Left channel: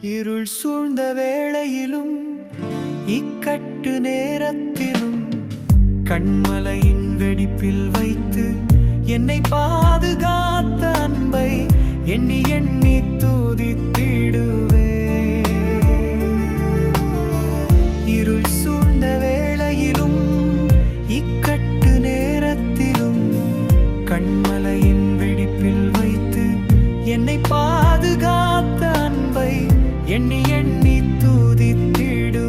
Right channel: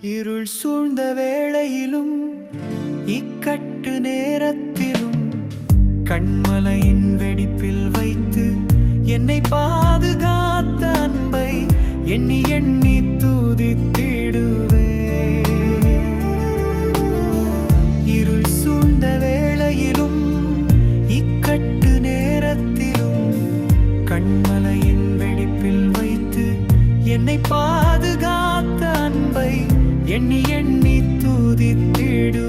இருள் சூழ்ந்த வேளையிலும் இக்கட்டு நேரத்திலும் கண்மலையின் வெடிப்பில் வைத்து என்னை பாதுகாத்த அன்பை எண்ணி எண்ணி தூதித்திடுவே. இருள் சூழ்ந்த வேளையிலும் இக்கட்டு நேரத்திலும் கண்மலையின் வெடிப்பில் வைத்து என்னை பாதுகா எண்ணி எண்ணி துதித்திடுவே